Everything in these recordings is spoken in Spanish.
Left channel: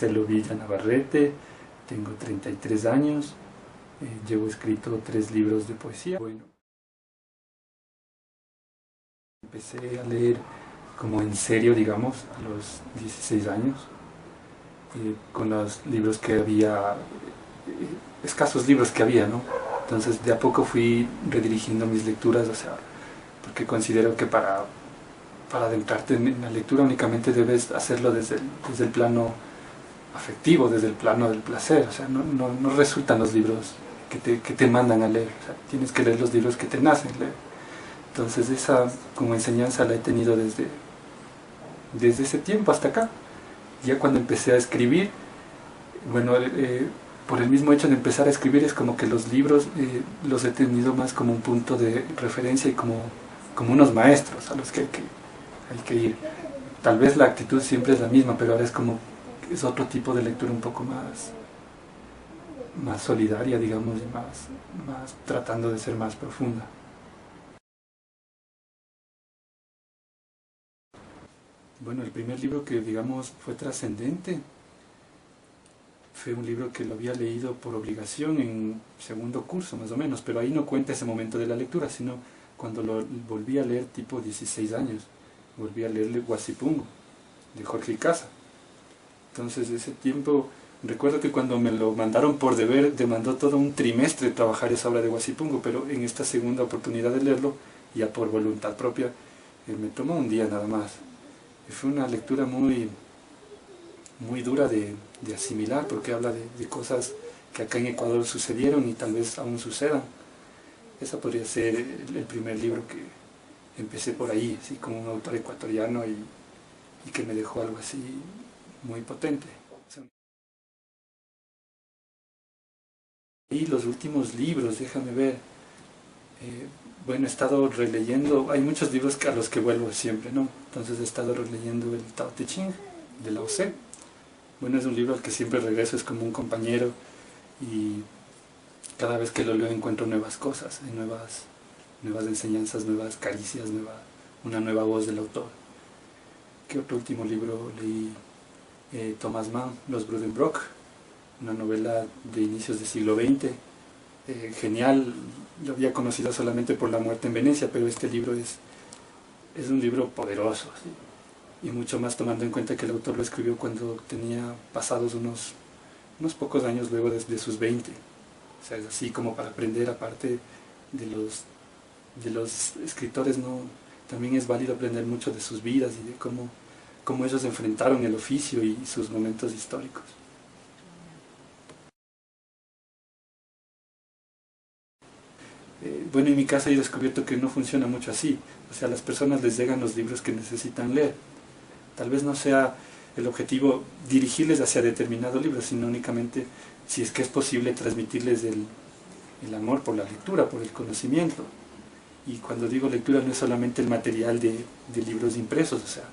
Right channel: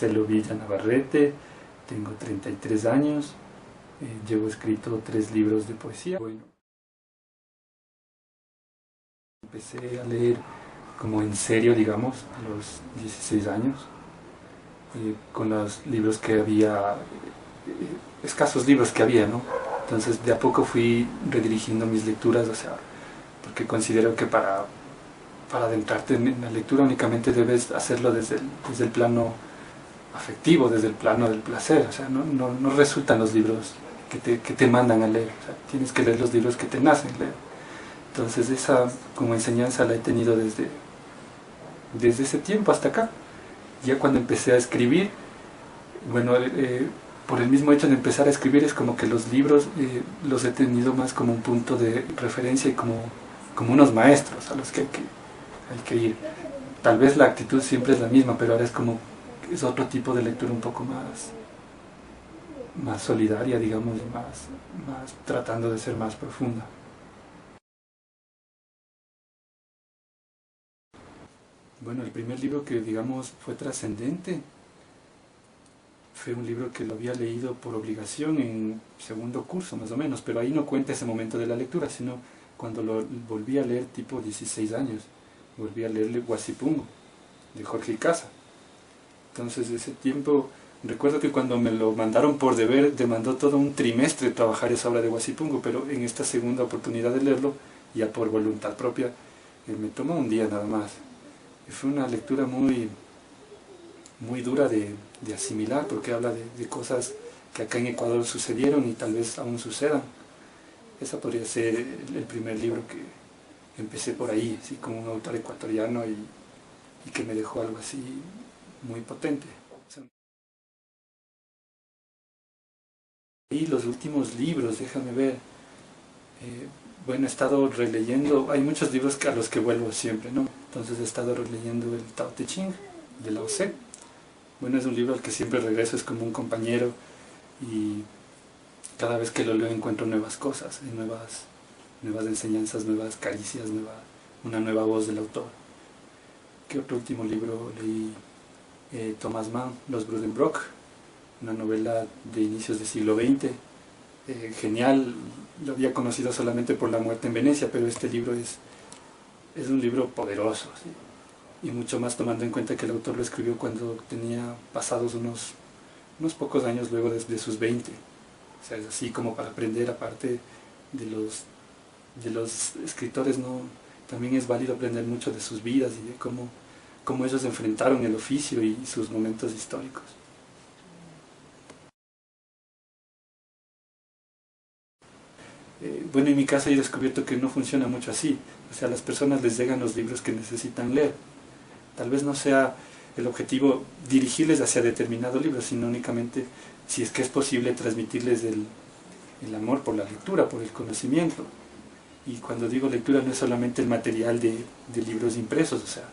Marcelo Villa Navarrete, tengo 33 años, llevo escrito 3 libros de poesía. Bueno, empecé a leer como en serio, digamos, a los 16 años, con los libros que había, escasos libros que había, ¿no? Entonces de a poco fui redirigiendo mis lecturas, o sea, porque considero que para adentrarte en la lectura únicamente debes hacerlo desde el plano afectivo, desde el plano del placer, o sea, no resultan los libros que te mandan a leer, o sea, tienes que leer los libros que te nacen leer. Entonces esa como enseñanza la he tenido desde ese tiempo hasta acá. Ya cuando empecé a escribir, bueno, por el mismo hecho de empezar a escribir es como que los libros los he tenido más como un punto de referencia y como unos maestros a los que hay que ir. Tal vez la actitud siempre es la misma, pero ahora es otro tipo de lectura un poco más solidaria, digamos, y más tratando de ser más profunda. Bueno, el primer libro que, digamos, fue trascendente fue un libro que lo había leído por obligación en segundo curso, más o menos, pero ahí no cuenta ese momento de la lectura, sino cuando lo volví a leer tipo 16 años, volví a leerle Guasipungo, de Jorge Casa. Entonces, en ese tiempo, recuerdo que cuando me lo mandaron por deber, demandó todo un trimestre trabajar esa obra de Guasipungo, pero en esta segunda oportunidad de leerlo, ya por voluntad propia, me tomó un día nada más. Y fue una lectura muy dura de asimilar, porque habla de cosas que acá en Ecuador sucedieron y tal vez aún sucedan. Eso podría ser el primer libro que empecé por ahí, así como un autor ecuatoriano y que me dejó algo así muy potente. O sea, y los últimos libros, déjame ver. Bueno, he estado releyendo, hay muchos libros a los que vuelvo siempre, ¿no? Entonces he estado releyendo el Tao Te Ching de Lao Tse. Bueno, es un libro al que siempre regreso, es como un compañero y cada vez que lo leo encuentro nuevas cosas, nuevas enseñanzas, nuevas caricias, una nueva voz del autor. ¿Qué otro último libro leí? Thomas Mann, Los Buddenbrook, una novela de inicios del siglo XX. Genial, lo había conocido solamente por La muerte en Venecia, pero este libro es un libro poderoso, ¿sí? Y mucho más tomando en cuenta que el autor lo escribió cuando tenía pasados unos pocos años luego de sus 20. O sea, es así como para aprender, aparte de los escritores, ¿no? También es válido aprender mucho de sus vidas y de cómo ellos enfrentaron el oficio y sus momentos históricos. Bueno, en mi caso yo he descubierto que no funciona mucho así. O sea, a las personas les llegan los libros que necesitan leer. Tal vez no sea el objetivo dirigirles hacia determinado libro, sino únicamente, si es que es posible, transmitirles el amor por la lectura, por el conocimiento. Y cuando digo lectura no es solamente el material de libros impresos, o sea,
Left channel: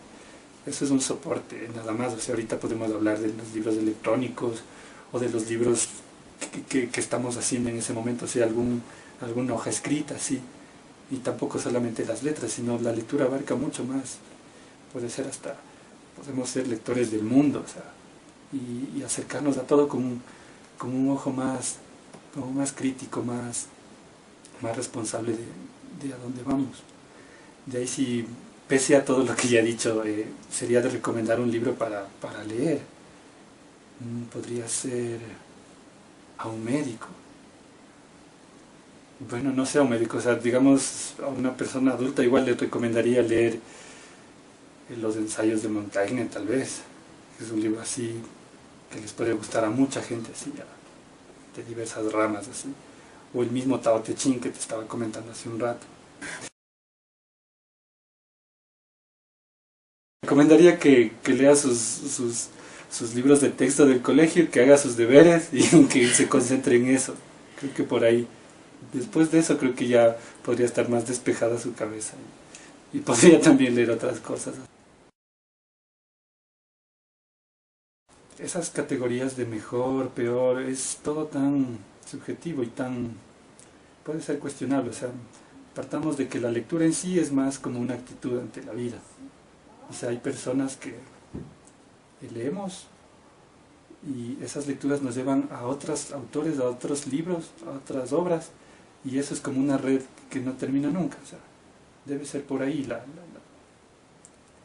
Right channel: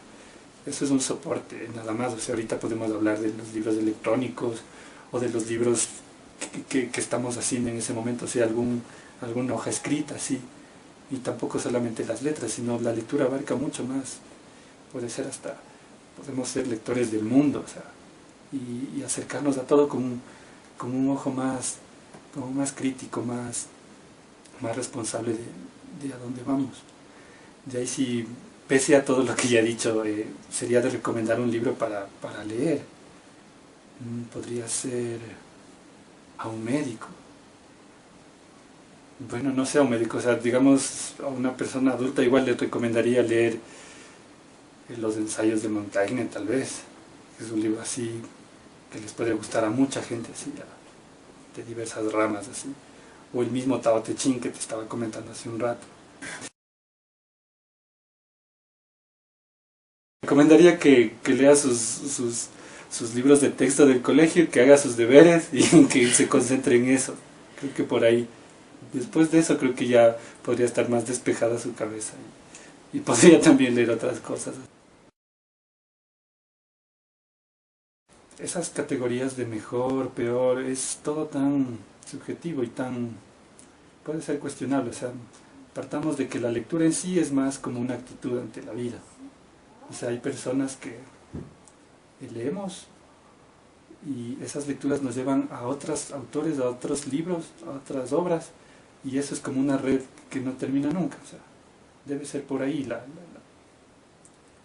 eso es un soporte, nada más. O sea, ahorita podemos hablar de los libros electrónicos o de los libros que estamos haciendo en ese momento, o sea, alguna hoja escrita, sí. Y tampoco solamente las letras, sino la lectura abarca mucho más. Puede ser podemos ser lectores del mundo, o sea, y acercarnos a todo con un ojo más crítico, más responsable de a dónde vamos. De ahí sí, pese a todo lo que ya he dicho, sería de recomendar un libro para leer. Podría ser a un médico. Bueno, no sé a un médico, o sea, digamos a una persona adulta igual le recomendaría leer los ensayos de Montaigne, tal vez. Es un libro así que les puede gustar a mucha gente, así, de diversas ramas, así. O el mismo Tao Te Ching que te estaba comentando hace un rato. Recomendaría que lea sus libros de texto del colegio, que haga sus deberes y que se concentre en eso. Creo que por ahí, después de eso, creo que ya podría estar más despejada su cabeza y podría también leer otras cosas. Esas categorías de mejor, peor, es todo tan subjetivo y puede ser cuestionable. O sea, partamos de que la lectura en sí es más como una actitud ante la vida. O sea, hay personas que leemos y esas lecturas nos llevan a otros autores, a otros libros, a otras obras, y eso es como una red que no termina nunca. O sea, debe ser por ahí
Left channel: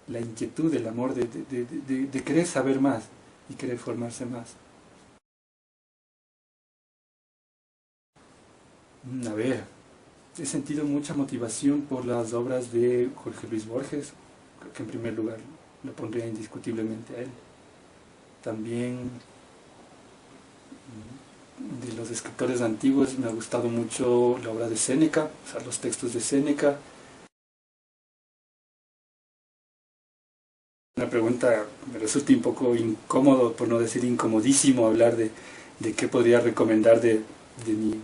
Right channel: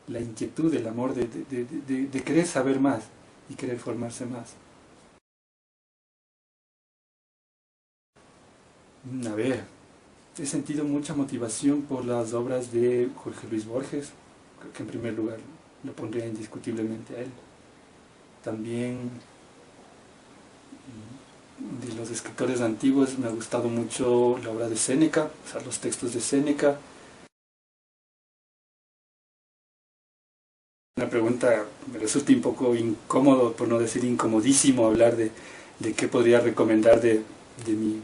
la inquietud, el amor de querer saber más y querer formarse más. A ver, he sentido mucha motivación por las obras de Jorge Luis Borges. Creo que en primer lugar lo pondría indiscutiblemente a él. También de los escritores antiguos me ha gustado mucho la obra de Séneca, o sea, los textos de Séneca. Una pregunta me resulta un poco incómodo, por no decir incomodísimo, hablar de qué podría recomendar de mi,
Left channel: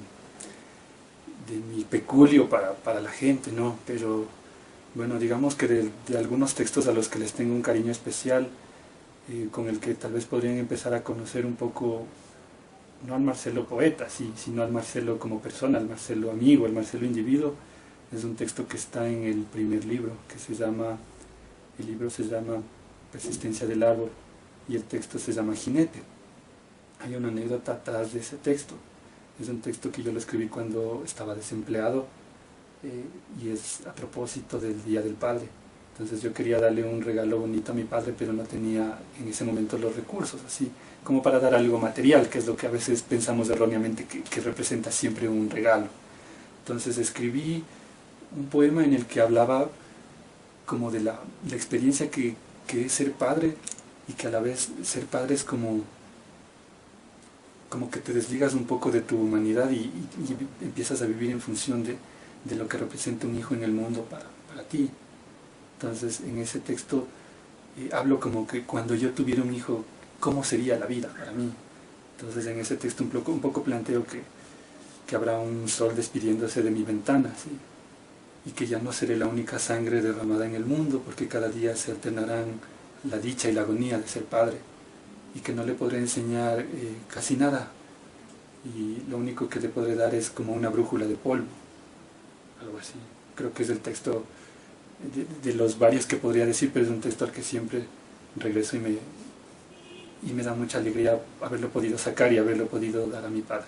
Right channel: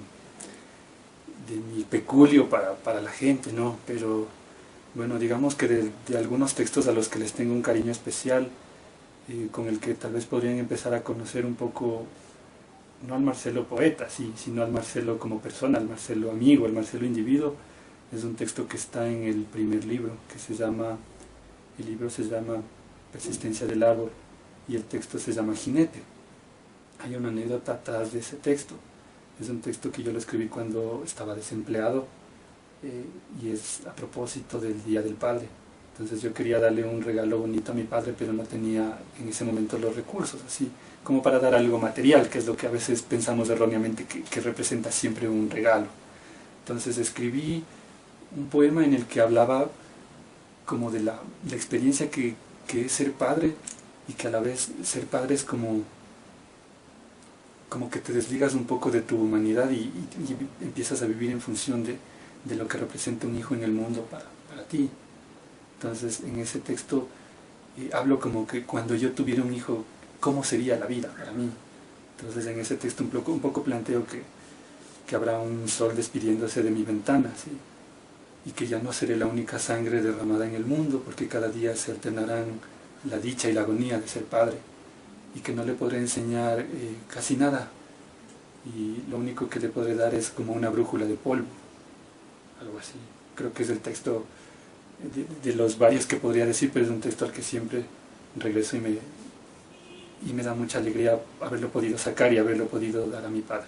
de mi peculio para la gente, ¿no? Pero bueno, digamos que de algunos textos a los que les tengo un cariño especial, con el que tal vez podrían empezar a conocer un poco, no al Marcelo poeta, sino al Marcelo como persona, al Marcelo amigo, al Marcelo individuo. Es un texto que está en el primer libro, el libro se llama Persistencia del árbol y el texto se llama Jinete. Hay una anécdota atrás de ese texto. Es un texto que yo lo escribí cuando estaba desempleado, y es a propósito del Día del Padre. Entonces yo quería darle un regalo bonito a mi padre, pero no tenía en ese momento los recursos, así como para dar algo material, que es lo que a veces pensamos erróneamente que representa siempre un regalo. Entonces escribí un poema en el que hablaba como de la experiencia que es ser padre, y que a la vez ser padre es como que te desligas un poco de tu humanidad y empiezas a vivir en función de lo que representa un hijo en el mundo para ti. Entonces, en ese texto hablo como que cuando yo tuviera un hijo, ¿cómo sería la vida para mí? Entonces, en ese texto un poco planteo que habrá un sol despidiéndose de mi ventana, ¿sí? Y que ya no seré la única sangre derramada en el mundo, porque cada día se alternarán la dicha y la agonía de ser padre, y que no le podré enseñar casi nada, y lo único que te podré dar es como una brújula de polvo, algo así. Creo que es el texto de los varios que podría decir, pero es un texto al que siempre regreso y me da mucha alegría haberlo podido sacar y haberlo podido dar a mi padre.